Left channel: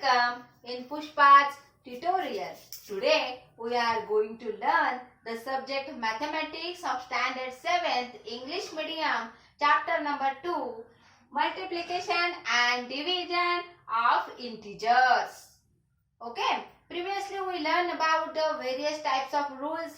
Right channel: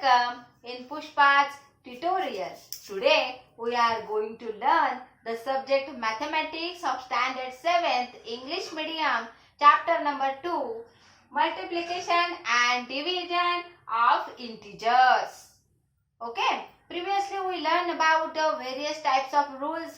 Welcome in Pushpa's tutorial. Today we are going to learn the subject Mathematics of Standard 7th English Medium, chapter number 2, Multiplication and Division of Integers. Okay, previously we learned about the various types of rules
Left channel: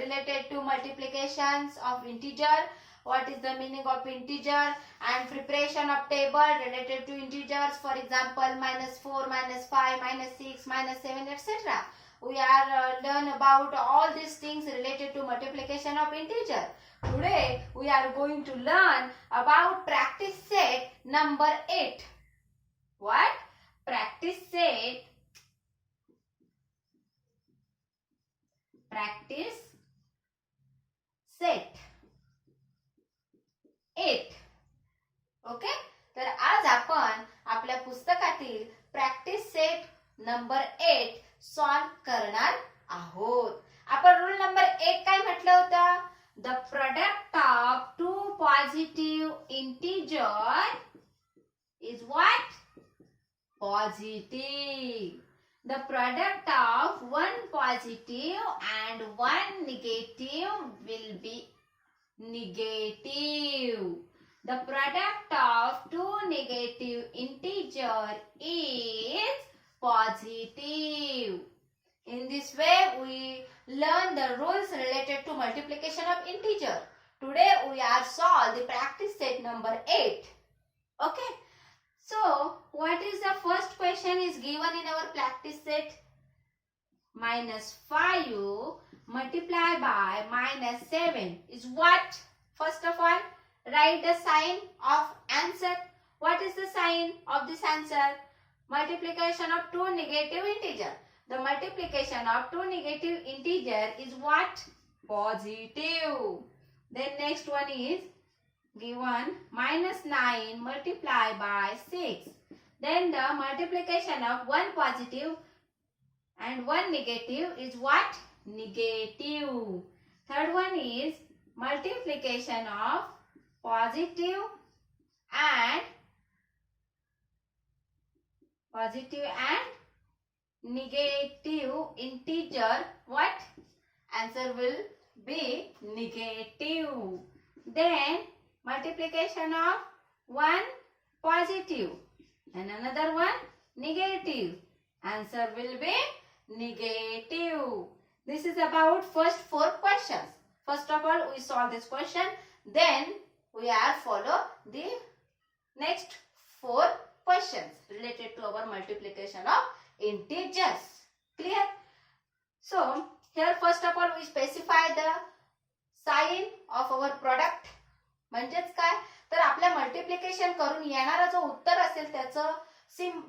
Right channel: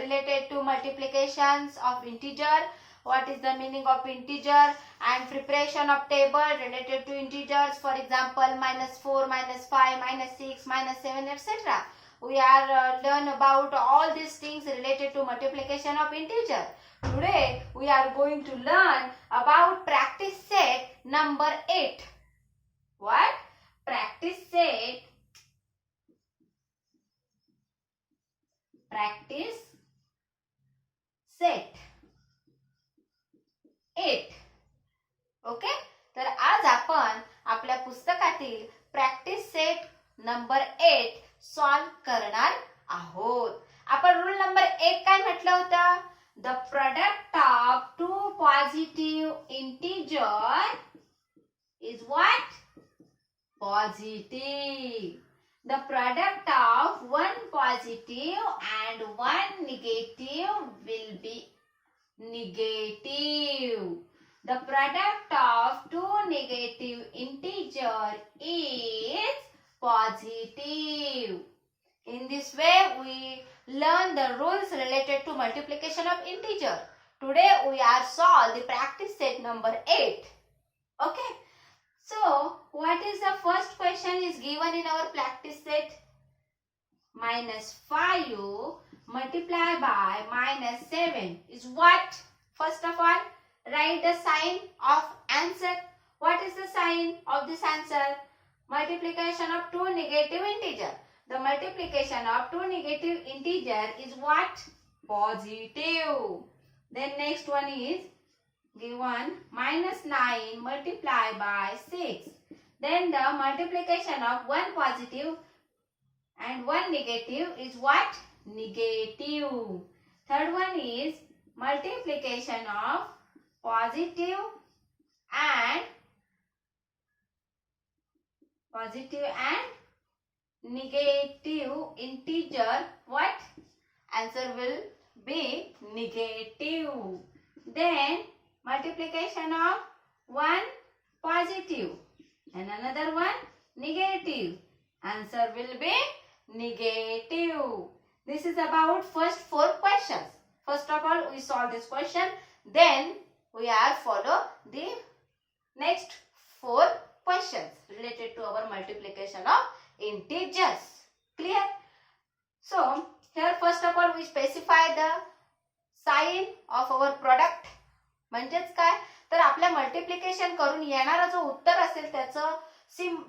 related to multiplications of integer, what is the meaning of integer, and preparation of table related to integers, for example -4, -5, -6, -7, etc. We are learn about all these things related to multiplication of integer. Today we are going to learn about practice set number 8. What? Practice set set 8. Okay, तर आज आपण आपल्या पुस्तकातील practice set number 8 solve करणार आहोत. आपण rule number 1 काय म्हटलं होतं? The product of two positive integer is what? Positive. The product of one positive and one negative will be negative. The product of two negative integer is positive. In this way, we learn the rules related to multiplication of integer. Today, we are solve the practice set number 8. Okay. So, what is the first question is given in our practice set? -5 multiplied by -7 is what? First of all, write the sign of answer. What is the sign of this answer? Multiplication of two negative integer. The multiplication of two negative integer is what? Positive. Then next one is given -9 multiplied by 6. Then the multiplication of one positive and one negative is what? Negative. Third one is multiplication of positive and negative integer. What? Answer will be negative. Then multiplication of one positive and another one negative. Answer will be negative. This is about first 4 questions. First of all, we solve this question. Then we are follow the next 4 questions related to our multiplication of integers. Clear? So here first of all we specify the sign of our product. म्हणजेच काय? तर आपल्या multiplication करून येणारा जो उत्तर असेल त्याचं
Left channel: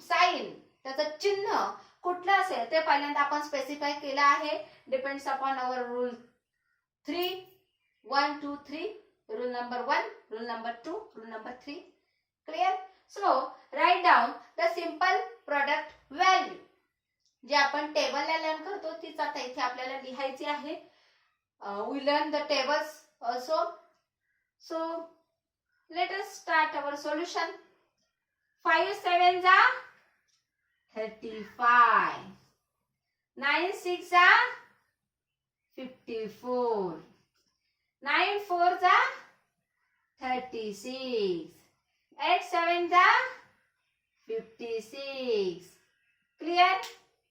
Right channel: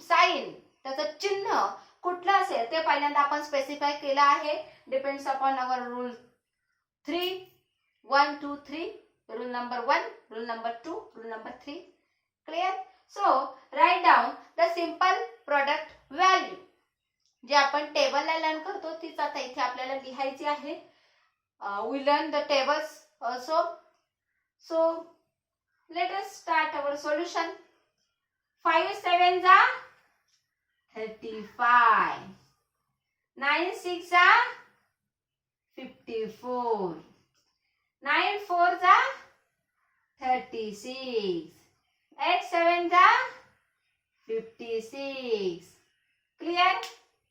sign, त्याचं चिन्ह कुठलं असेल ते पहिल्यांदा आपण स्पेसिफाय केलं आहे. Depends upon our rule 3 1 2 3. Rule number 1, rule number 2, rule number 3. Clear? So write down the simple product value. जे आपण टेबलला लर्न करतो तीच आता इथे आपल्याला लिहायची आहे. We learn the tables also. So, let us start our solution. 5 7s are 35. 9 6s are 54. 9 4s are 36. 8 7s are 56. Clear?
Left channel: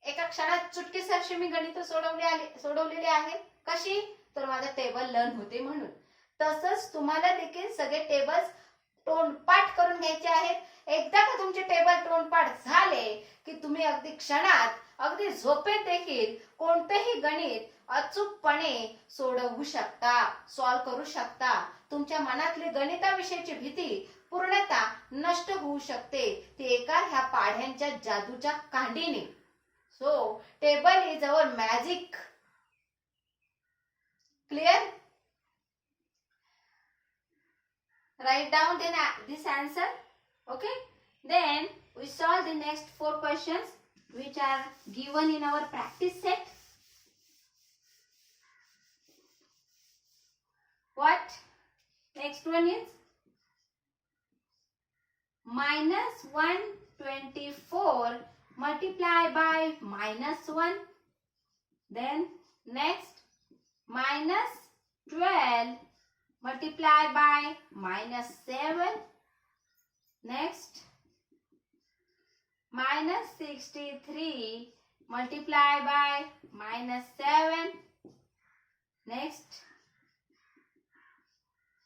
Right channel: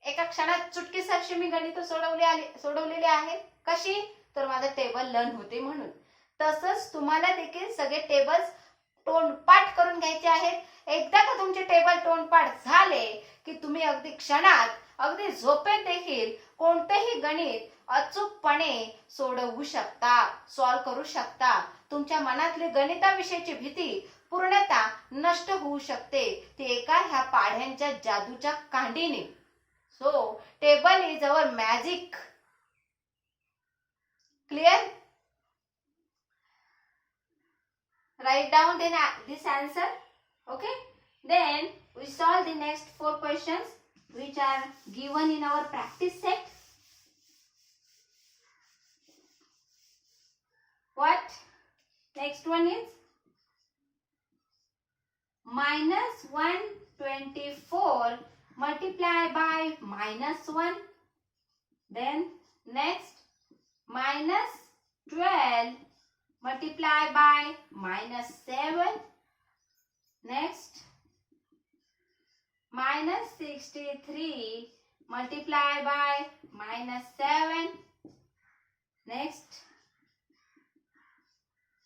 एका क्षणात चुटकीसरशी मी गणित सोडवलेले आहेत. कशी? तर माझं टेबल लर्न होते म्हणून. तसंच तुम्हाला देखील सगळे टेबल्स तोंडपाठ करून घ्यायचे आहेत. एकदा का तुमचे टेबल तोंडपाठ झाले की तुम्ही अगदी क्षणात, अगदी झोपेत देखील कोणतेही गणित अचूकपणे सोडवू शकता, सॉल्व करू शकता. तुमच्या मनातली गणिताविषयीची भीती पूर्णतः नष्ट होऊ शकते ती एका ह्या पाढ्यांच्या जादूच्या कांडीने. So table is our magic. Clear? Write down then this answer. Okay. Then we solve the next 4 questions which are given in our practice set. What? Next one is -124 multiply by -1. Then next -12 multiply by -7. Next -63 multiply by -7. Next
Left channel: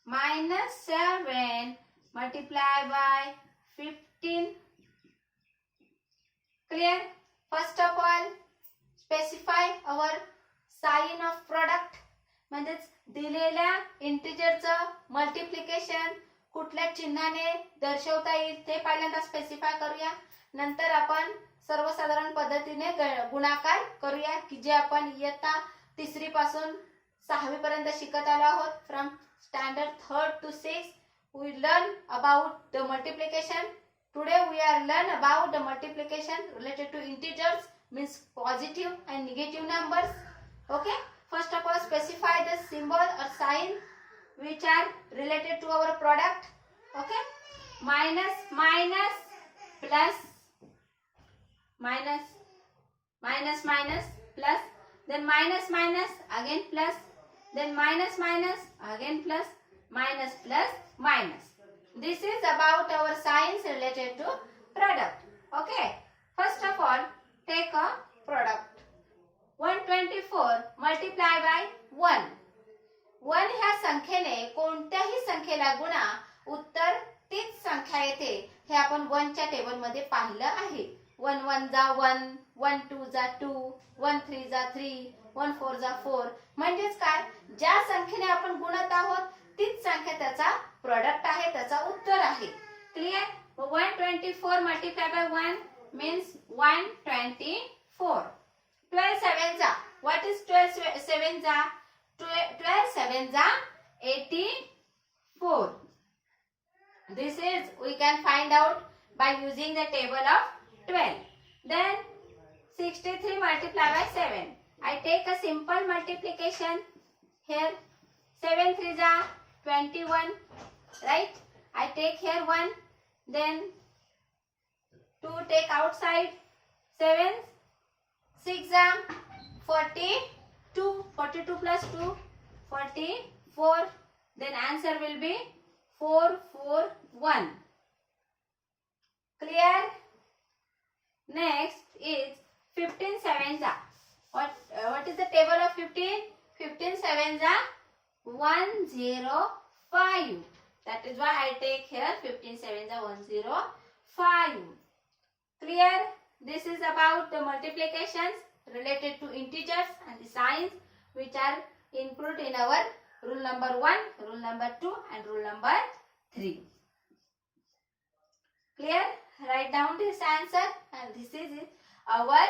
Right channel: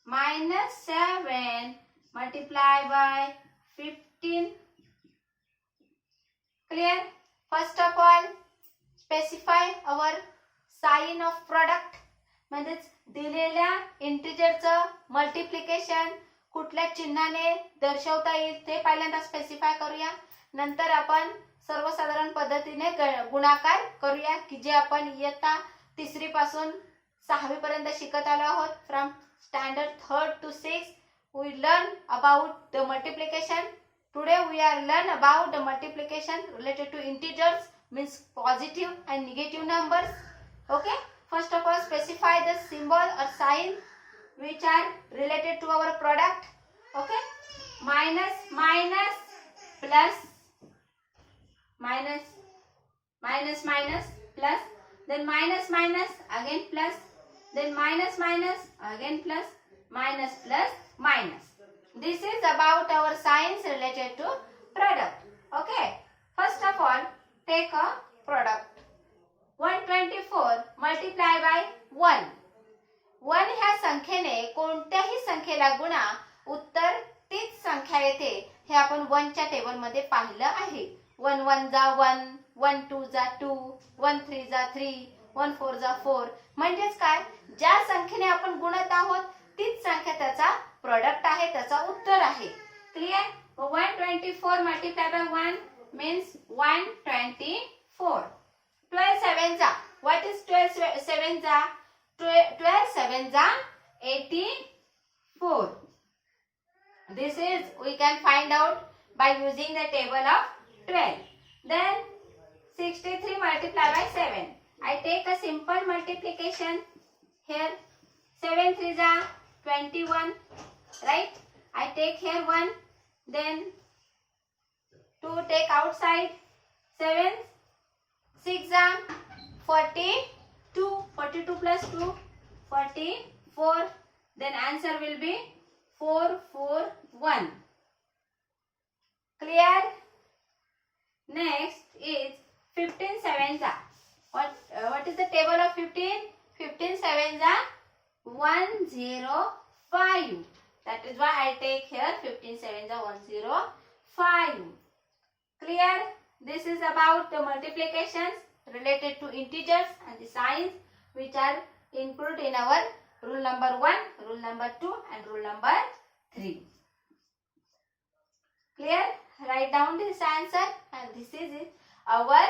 -7 multiply by 15. Clear? First of all, specify our sign of product. म्हणजेच दिलेल्या इंटिजरचं multiplication कुठल्या चिन्हाने दर्शवता येईल ते पहिल्यांदा specify करूया. नंतर आपण सर्वसाधारण पद्धतीने गुणाकार करूया की जे आपण इयत्ता 3री पासून 6वी पर्यंत शिकत आलो आहोत. From standard 3rd to 6th we learn about the multiplication. Today we are learn about the multiplication related to integers, means positive and negative numbers. Okay, first of all specify the symbol or sign which are related to our product. Okay, minus minus plus minus minus minus plus, then minus minus again plus, then minus minus again plus, minus plus minus. This is about our signs related to product. Okay, first of all take a product. 124 multiply by 1. 1 ह्या संख्येने कोणत्याही संख्येला गुणा उत्तर तीच संख्या येते हे आपण 1 च्या टेबल मध्ये पाहिलं आहे. 1 1 जा 1, 1 2 जा 2, 1 3 जा 3, 1 4 जा 4. म्हणजेच काय, ज्या संख्येने आपण गुणत आहोत तीच संख्या त्याचा प्रोडक्ट आहे, त्याचा उत्तर आहे. क्लियर? 124 multiplied by 1 means 124. 12 7 जा, what is 12 7 जा? 12 7 जा 84. This is we can find out by using the table of 12. Then 63 multiplied by 7. I take a simple multiplication here. 7 3 जा 21, right? I take here 1, then 2 take outside. 7 6 जा 42, 42 plus 2 44. Then answer will be 441. Clear? Next is 15 7 जा. What is the table of 15? 15 7 जा 105. That is why I take here 15 7 जा 105. Clear? This is about the multiplications related to integers and the signs which are included in our rule number 1, rule number 2 and rule number 3. Clear? Write down this answer and this is our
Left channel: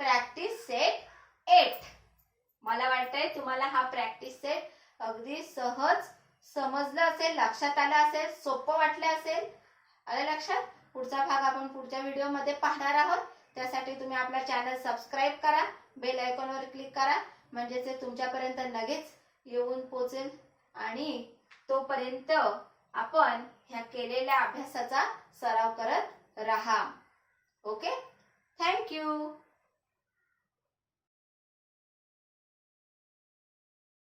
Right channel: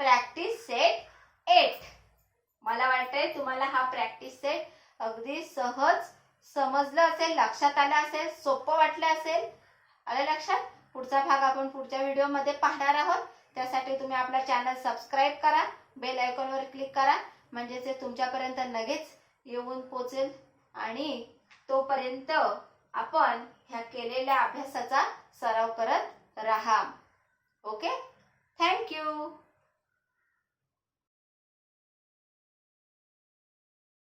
practice set 8. मला वाटतंय तुम्हाला हा practice set अगदी सहज समजलं असेल, लक्षात आलं असेल, सोपं वाटलं असेल. आलं लक्षात? पुढचा भाग आपण पुढच्या व्हिडिओ मध्ये पाहणार आहोत. त्यासाठी तुम्ही आपला चॅनल सबस्क्राइब करा, बेल आयकॉनवर क्लिक करा, म्हणजे ते तुमच्यापर्यंत लगेच येऊन पोहोचेल आणि तोपर्यंत आपण ह्या केलेल्या अभ्यासाचा सराव करत राहा. Okay, thank you.